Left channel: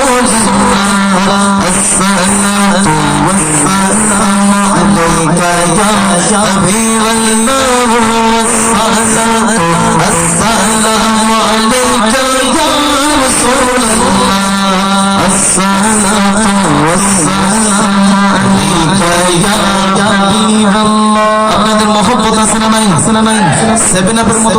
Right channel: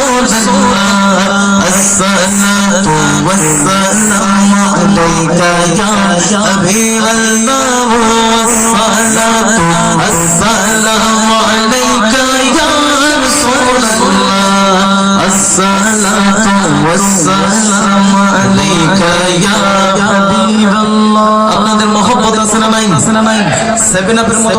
رسول الله الصلاة والسلام عليك يا حبيب الله والصلاة والسلام عليك يا رسول الله الصلاة والسلام عليك يا حبيب الله আপনাদের মহব্বত আছে না নাই আছে না নাই সেভেন আপের মতো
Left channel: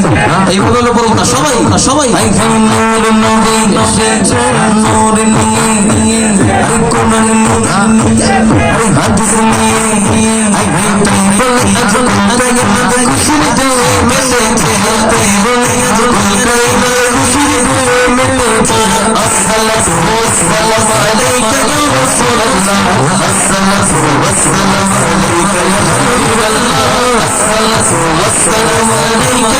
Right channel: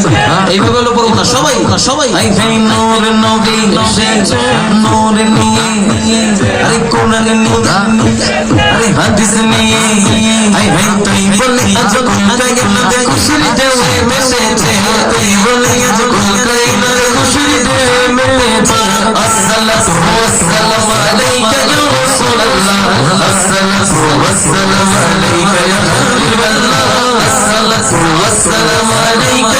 এইভাবে হলো না সবাই? সবাই। নূর নবী নূর নিয়ে। আরে কোরআন নিয়ে আরে হাদিস নিয়ে আই ভাই তুই বলে আজ কোন জায়গা মধ্যে খুশির দেবে মেলেছে তুই বলে আজ কোন জায়গা খুশির দেবে মেলেছে আসসালাতু ওয়াসসালামু আলাইকা ইয়া রাসূলুল্লাহ। আসসালাতু ওয়াসসালামু আলাইকা ইয়া হাবিবাল্লাহ আসসালাতু ওয়াসসালামু আলাইকা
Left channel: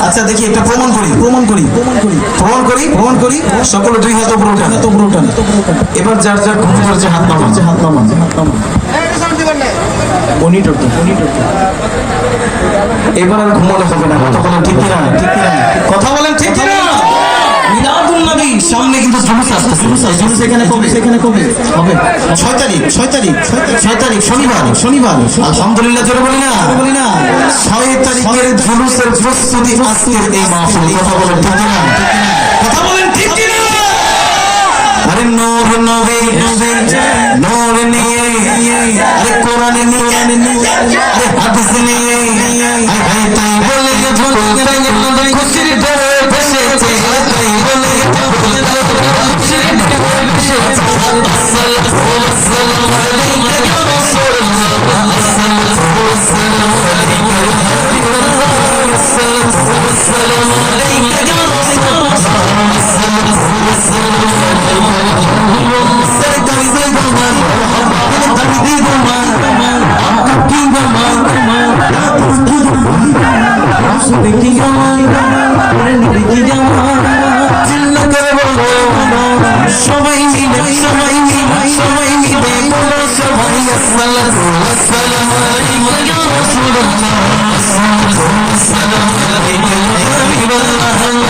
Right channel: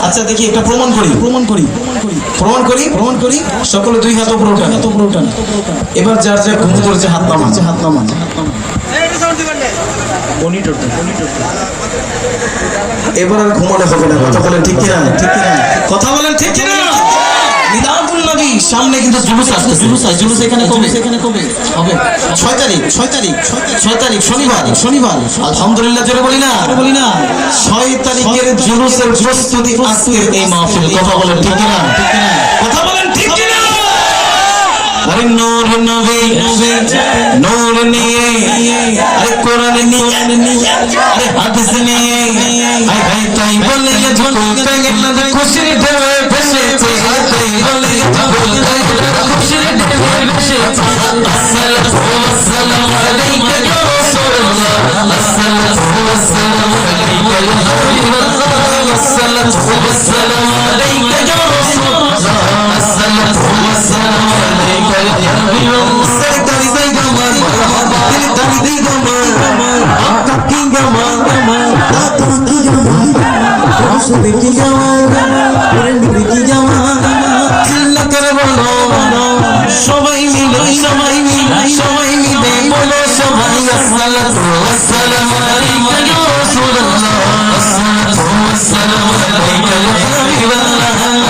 আচ্ছা দেখি একটা প্রমাণ করি প্রমাণ করি প্রমাণ করি প্রমাণ করি সকলে দুই হাত উপরে উঠান। হাত উপরে উঠান এবার যার যা ঘুম করেছে হাত নামান। হাত নামান। হাত নামান এবার আর ঘুমানো হবে না কথা বলেন ঠিক কিনা? ঠিক কিনা? কথা জুলুস আসছে জুলুস আছে জুলুস এখানে কবে এখানে কবে হবে। ছয় তারিখ ছয় তারিখ ছয় তারিখ। শনিবার শনিবার। আলহামদুলিল্লাহ জোরে বলি না? বলি না। ছয় তারিখের জুলুসের প্রস্তুতি আজকের এই মাহফিল। কথা বলেন ঠিক কিনা? কথা বলেন ঠিক কিনা? আরে নূর নবী। নূর নিয়ে। আরে কোরআন নিয়ে। আরে হাদিস নিয়ে। وَلَا